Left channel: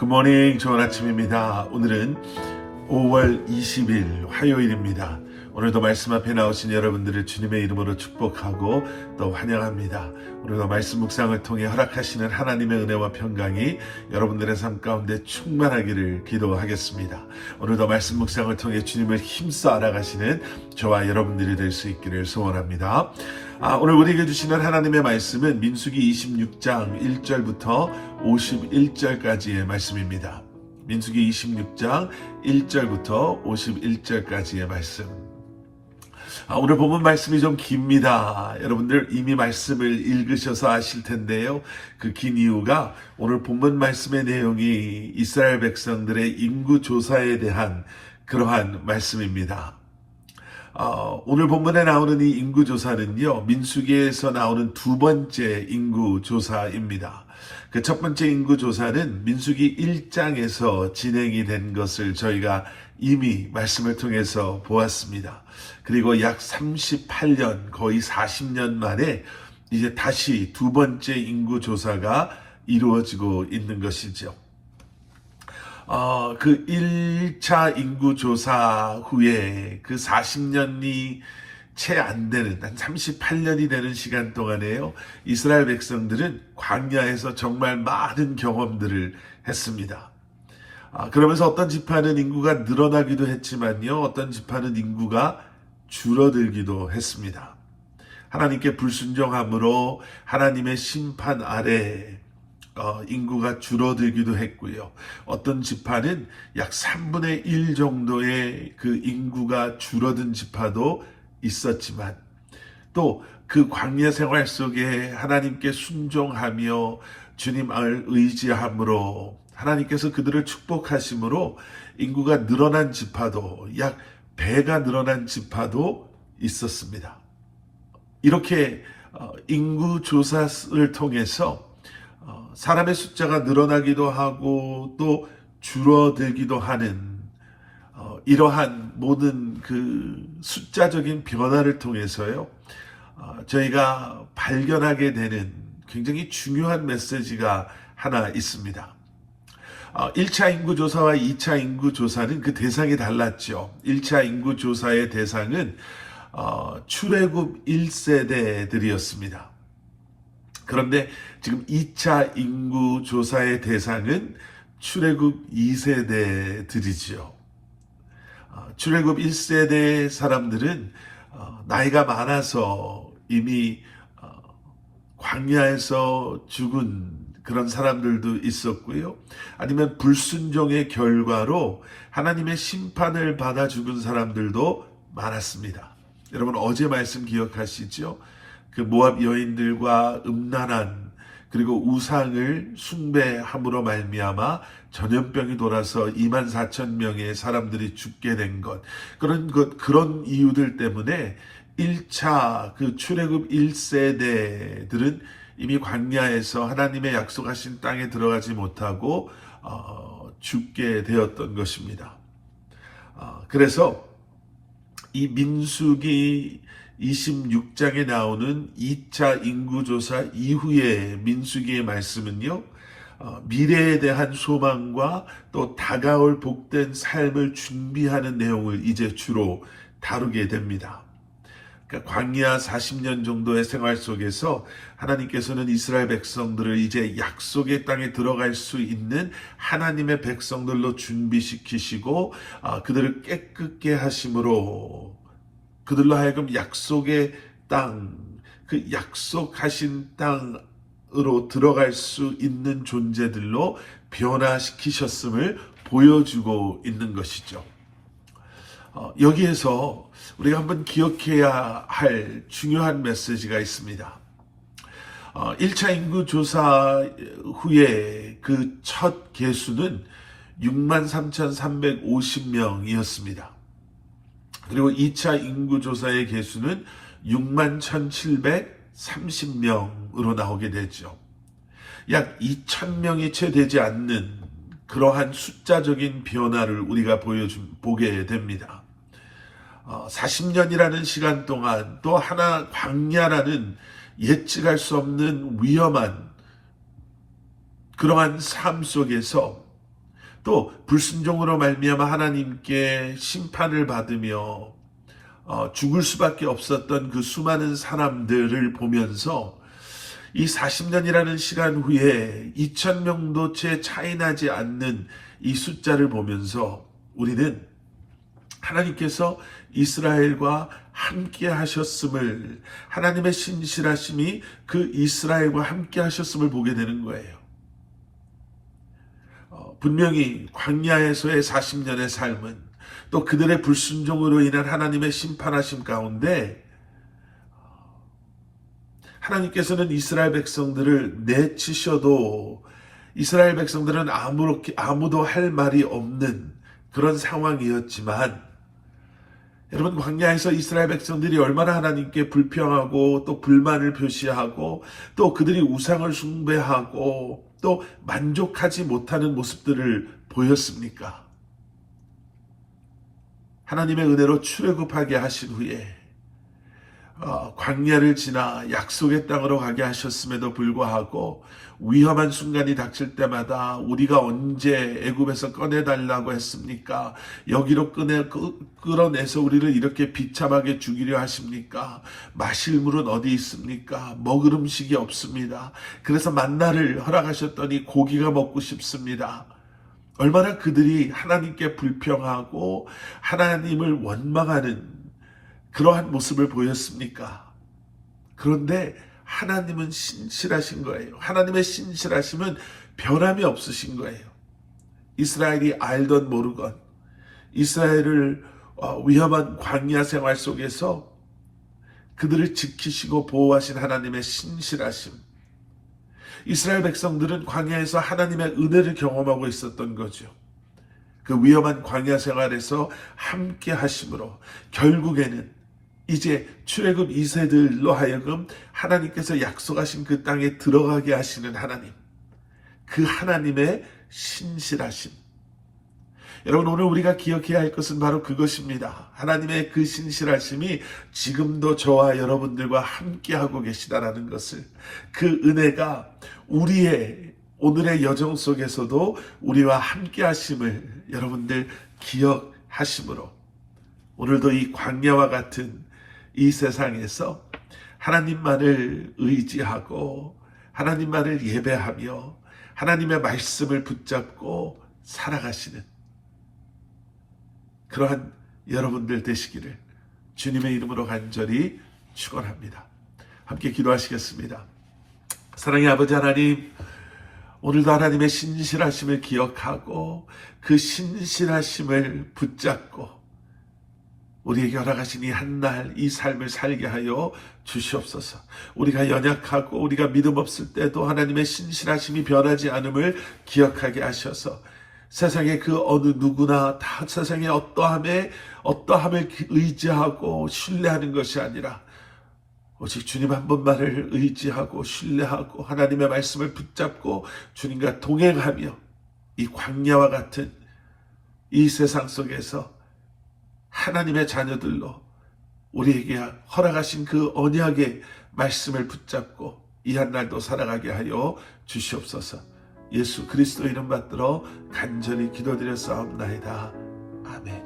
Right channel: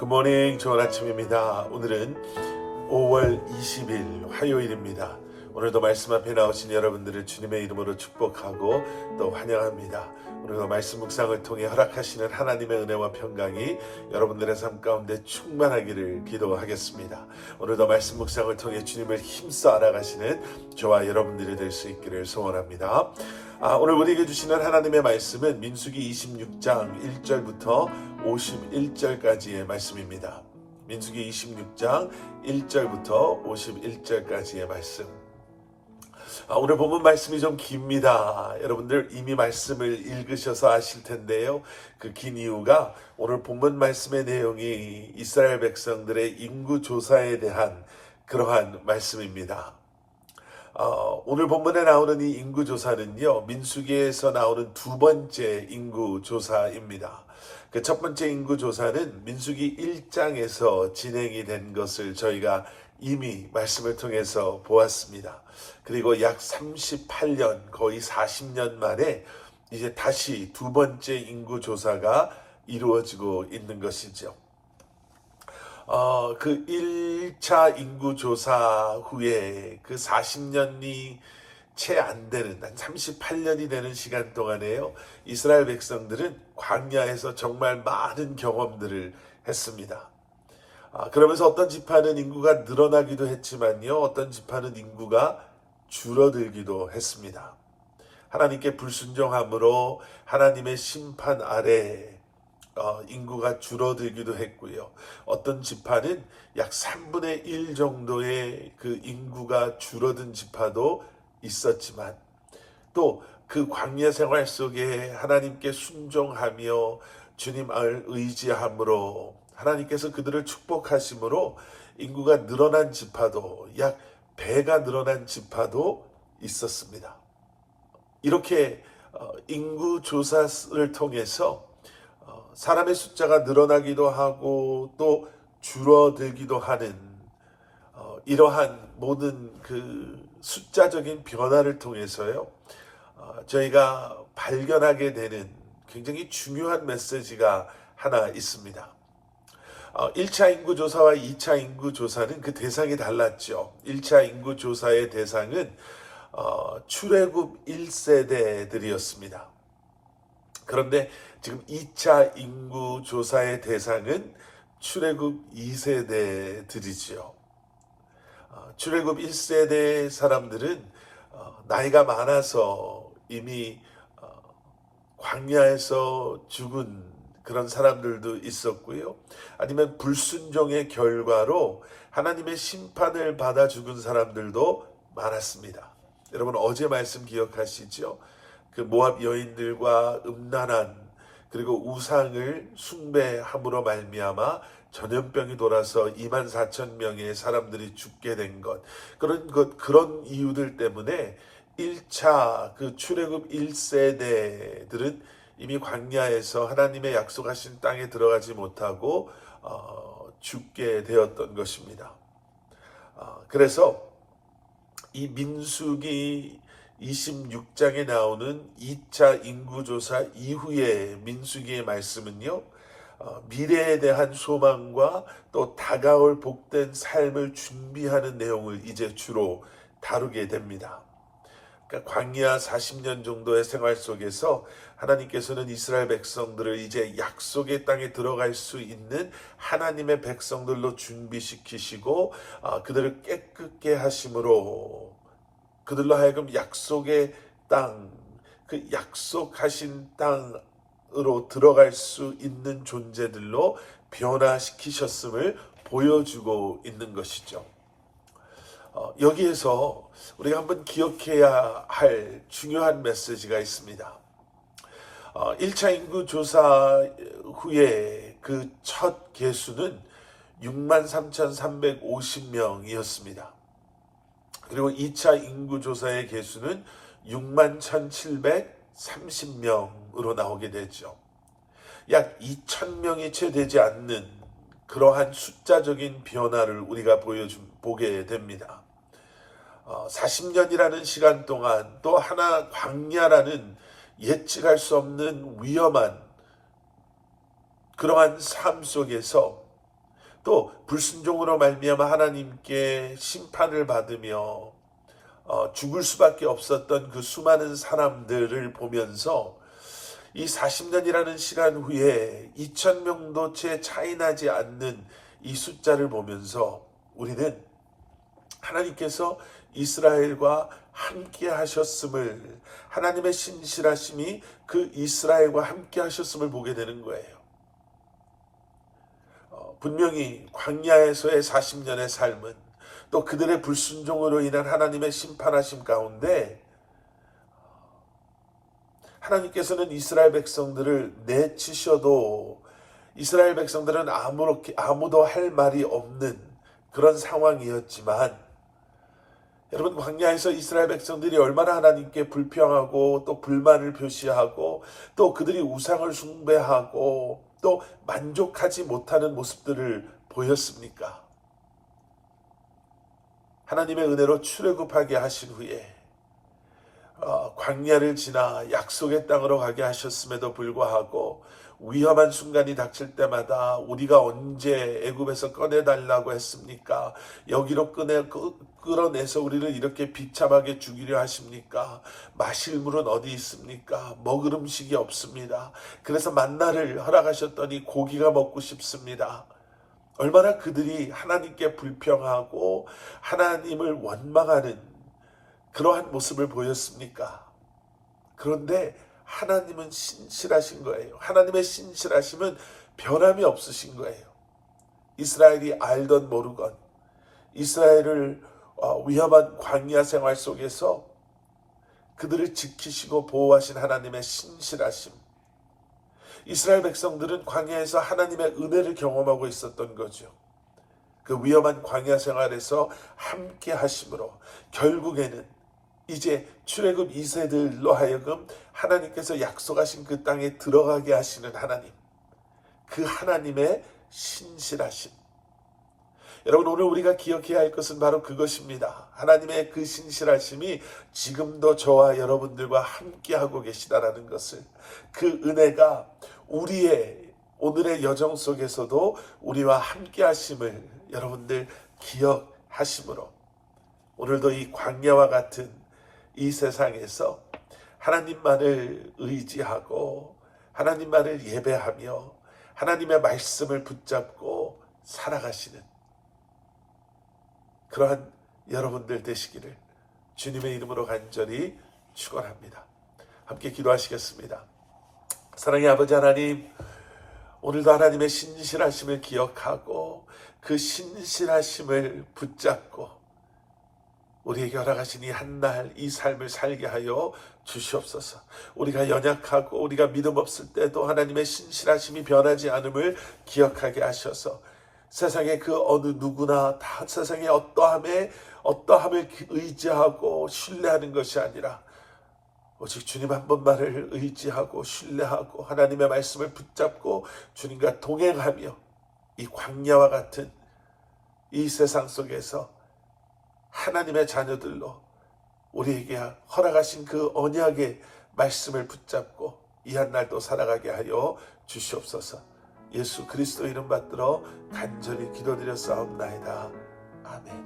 굿모닝, 좋은 아침입니다. 오늘은 5월 20일 화요일입니다. 오늘도 말씀 앞에 나오신 여러분들을 주님의 이름으로 축복하고 또 환영합니다. 오늘도 말씀 묵상을 통해 허락하시는 하나님의 은혜와 평강이 여러분들의 삶 가운데 충만하기를 기도하겠습니다. 오늘도 말씀 묵상을 통해 주님을 힘써 알아가시는 저와 여러분들이 될 수 있기를 소원합니다. 오늘 우리에게 주시는 하나님의 말씀은 민수기 26장 1절부터 51절까지의 말씀입니다. 민수기 26장 1절부터 51절까지의 말씀. 오늘 본문 말씀이 좀 깁니다. 여러분들 이미 말씀을 읽으셔서 아실 텐데요. 그 긴 이유가 오늘 본문 말씀의 내용이 이스라엘 백성들의 인구 조사에 대한 그러한 말씀입니다. 오늘 본문에 나오는 이 인구조사는요, 민수기에서 나오는 두 번째 인구조사입니다. 그 첫 번째 인구조사는 민수기 1장에서 진행이 된 것을 저희가 이미 말씀을 통해서 보았습니다. 그리고 약 38년, 거의 40년 만에 이제 다시 두 번째 인구조사가 이루어지고 있는 것이죠. 그 1차 인구조사 후에 그 40년이 채 안 되는, 한 38년이 되는 시간 동안에요, 이스라엘 백성들은 광야에서 정말 많은 경험들을 했습니다. 그러면서 어떤 지파는 인구가 늘어나기도 했지만요, 어떤 지파는 인구가 줄어들기도 했습니다. 하나님께 불순종함으로 하나님의 심판 아래 인구가 줄어들기도 했고요. 어떤 지파는 약 3분의 1 정도의 그 인구가 줄어든 지파도 있었지만, 또 그 광야 생활 속에 하나님께 순종하며 주님을 의지함으로 하나님께서 그들을 축복하심으로 인구가 늘어난 지파도, 약 배가 늘어난 지파도 있었습니다. 이렇게 인구조사를 통해서 사람의 숫자가 늘어나기도 하고 또 줄어들기도 하는 이러한 모든 그 숫자적인 변화를 통해서요, 저희가 발견하게 되는 굉장히 중요한 메시지가 하나 있습니다. 1차 인구조사와 2차 인구조사는 그 대상이 달랐죠. 1차 인구조사의 대상은 출애굽 1세대들이었습니다. 그런데 지금 2차 인구조사의 대상은 출애굽 2세대들이지요. 출애굽 1세대 사람들은 나이가 많아서 이미 광야에서 죽은 그런 사람들도 있었고요. 아니면 불순종의 결과로 하나님의 심판을 받아 죽은 사람들도 많았습니다. 여러분 어제 말씀 기억하시죠? 그 모압 여인들과 음란한 그리고 우상을 숭배함으로 말미암아 전염병이 돌아서 24,000명의 사람들이 죽게 된 것, 그런 이유들 때문에 1차 그 출애굽 1세대들은 이미 광야에서 하나님의 약속하신 땅에 들어가지 못하고 죽게 되었던 것입니다. 그래서 이 민수기 26장에 나오는 2차 인구조사 이후의 민수기의 말씀은요, 미래에 대한 소망과 또 다가올 복된 삶을 준비하는 내용을 이제 주로 다루게 됩니다. 그러니까 광야 40년 정도의 생활 속에서 하나님께서는 이스라엘 백성들을 이제 약속의 땅에 들어갈 수 있는 하나님의 백성들로 준비시키시고 그들을 깨끗게 하심으로 그들로 하여금 약속의 땅, 그 약속하신 땅으로 들어갈 수 있는 존재들로 변화시키셨음을 보여주고 있는 것이죠. 여기에서 우리가 한번 기억해야 할 중요한 메시지가 있습니다. 1차 인구조사 후에 그 첫 개수는 63,350명이었습니다. 그리고 2차 인구조사의 개수는 61,730명으로 나오게 되죠. 약 2,000명이 채 되지 않는 그러한 숫자적인 변화를 우리가 보게 됩니다. 40년이라는 시간 동안 또 하나 광야라는 예측할 수 없는 위험한 그러한 삶 속에서 또 불순종으로 말미암아 하나님께 심판을 받으며 죽을 수밖에 없었던 그 수많은 사람들을 보면서 이 40년이라는 시간 후에 2,000명도 채 차이 나지 않는 이 숫자를 보면서 우리는 하나님께서 이스라엘과 함께 하셨음을, 하나님의 신실하심이 그 이스라엘과 함께 하셨음을 보게 되는 거예요. 분명히 광야에서의 40년의 삶은 또 그들의 불순종으로 인한 하나님의 심판하심 가운데 하나님께서는 이스라엘 백성들을 내치셔도 이스라엘 백성들은 아무도 할 말이 없는 그런 상황이었지만, 여러분, 광야에서 이스라엘 백성들이 얼마나 하나님께 불평하고 또 불만을 표시하고 또 그들이 우상을 숭배하고 또 만족하지 못하는 모습들을 보였습니까? 하나님의 은혜로 출애굽하게 하신 후에 광야를 지나 약속의 땅으로 가게 하셨음에도 불구하고 위험한 순간이 닥칠 때마다 우리가 언제 애굽에서 꺼내달라고 했습니까? 여기로 끌어내서 우리를 이렇게 비참하게 죽이려 하십니까? 마실 물은 어디 있습니까? 먹을 음식이 없습니다. 그래서 만나를 허락하셨더니 고기가 먹고 싶습니다. 얼마나 그들이 하나님께 불평하고 하나님을 원망하는 그러한 모습을 보였습니까? 그런데 하나님은 신실하신 거예요. 하나님의 신실하심은 변함이 없으신 거예요. 이스라엘이 알던 모르건 이스라엘을 위험한 광야 생활 속에서 그들을 지키시고 보호하신 하나님의 신실하심. 이스라엘 백성들은 광야에서 하나님의 은혜를 경험하고 있었던 거죠. 그 위험한 광야 생활에서 함께 하심으로 결국에는 이제 출애굽 2세들로 하여금 하나님께서 약속하신 그 땅에 들어가게 하시는 하나님, 그 하나님의 신실하심. 여러분, 오늘 우리가 기억해야 할 것은 바로 그것입니다. 하나님의 그 신실하심이 지금도 저와 여러분들과 함께하고 계시다라는 것을, 그 은혜가 우리의 오늘의 여정 속에서도 우리와 함께하심을 여러분들 기억하심으로 오늘도 이 광야와 같은 이 세상에서 하나님만을 의지하고 하나님만을 예배하며 하나님의 말씀을 붙잡고 살아가시는 그러한 여러분들 되시기를 주님의 이름으로 간절히 축원합니다. 함께 기도하시겠습니다. 사랑의 아버지 하나님, 오늘도 하나님의 신실하심을 기억하고 그 신실하심을 붙잡고 우리에게 허락하신 이 한날 이 삶을 살게 하여 주시옵소서. 우리가 연약하고 우리가 믿음 없을 때도 하나님의 신실하심이 변하지 않음을 기억하게 하셔서 세상의 그 어느 누구나 다 세상의 어떠함을 의지하고 신뢰하는 것이 아니라 오직 주님 한 분만을 의지하고 신뢰하고 하나님의 말씀을 붙잡고 주님과 동행하며 이 광야와 같은 이 세상 속에서 하나님의 자녀들로 우리에게 허락하신 그 언약의 말씀을 붙잡고 이 한날도 살아가게 하여 주시옵소서. 예수 그리스도 이름 받들어 간절히 기도드렸사옵나이다. 아멘.